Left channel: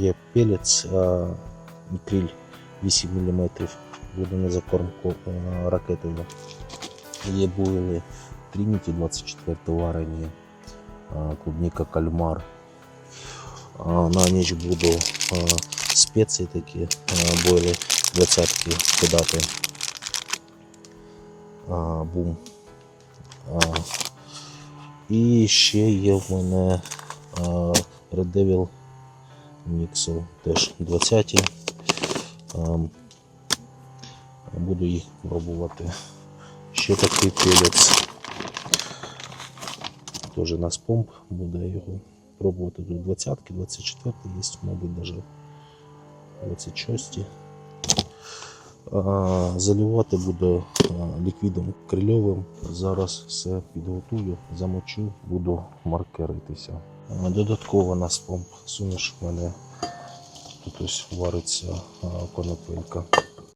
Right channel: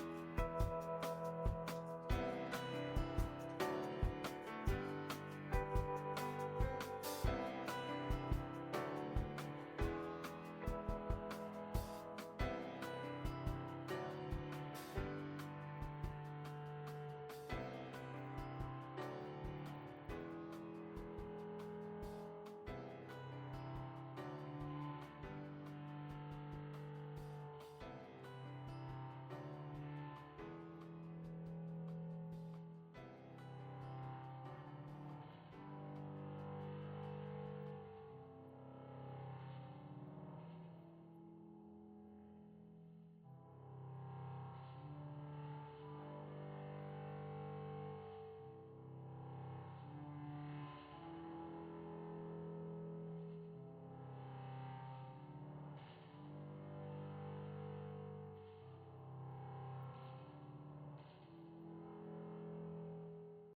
є пелець криль 8 мм, буде на закормку ракетою. Є бойли Trinity 24 варені, клубника, кальмар. На ніч буду спеції такі, бойли 20-ки кидати. Бум. І ще є в мене Red Devil міксер, теж 20-ті. Буду їх пробувати. Ще такий пелець, теж на спомп, буде його пробувати. Тут 20-ки, 24-ті є, мабуть, навіть 26-ті. Заливати буду ліквідом крильовим. Зараз все підготую, замочу, буду маркеритися. Додатково на спомп суміш в мене тут ось вариться конопелька.